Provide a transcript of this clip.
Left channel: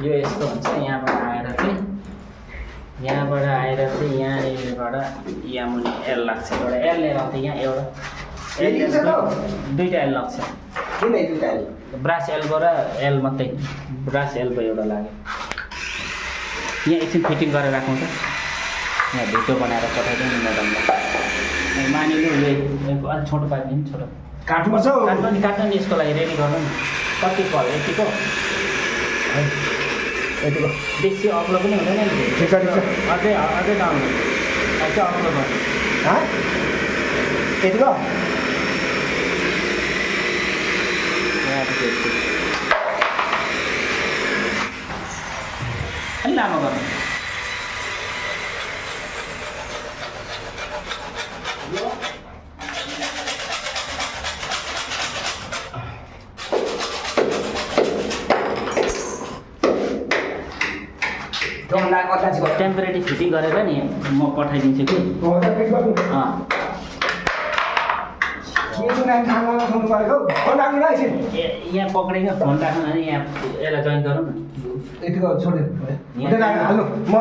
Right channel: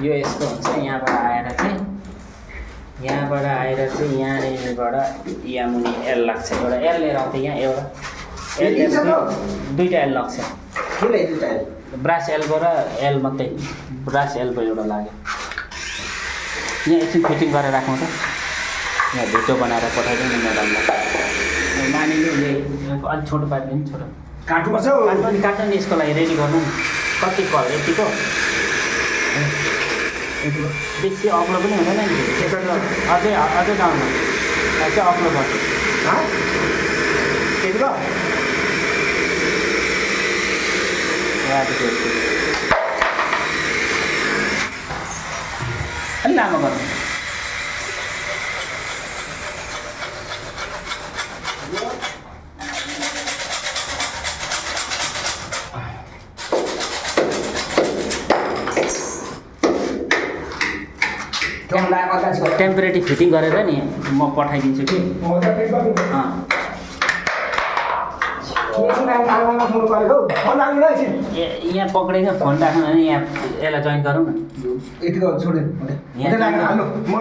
यो यस्तो हुन्छ यहाँबाट आएर चाहिँ यहाँनिरबाट यहाँ मुनि एल लाग्छ एउटा एल लिएर आउँथ्यो यहाँ एउटा एल दुईवटा एल लाग्छ ब्रास एल्बो र एल मात्रै ब्रास एल्बो एउटा लाग्यो यहाँ एकछिन फिटिङ गरेर राखौँ त यहाँ भिडियो बनाएर पठाइदिउँ न म्याडमलाई मानिलिउँ अलिक छोटो पारिदिनु छोटो काट्नु नि यसको लागि रेडी गर्नु नि कति कल यतिको बेसी अग्लो पनि हुँदैन नि अझै लाउनु चाहिँ अग्लो गर्नु त्यतिको अलि लामो गर्नु टेम्परेरी फिटिङ गरेर नि म पठाइदिन्छु कि यहाँ पक्रेको फोन राख्नु अनि यहाँ यसलाई जोइन गरौँ न यतिको छोड्यो म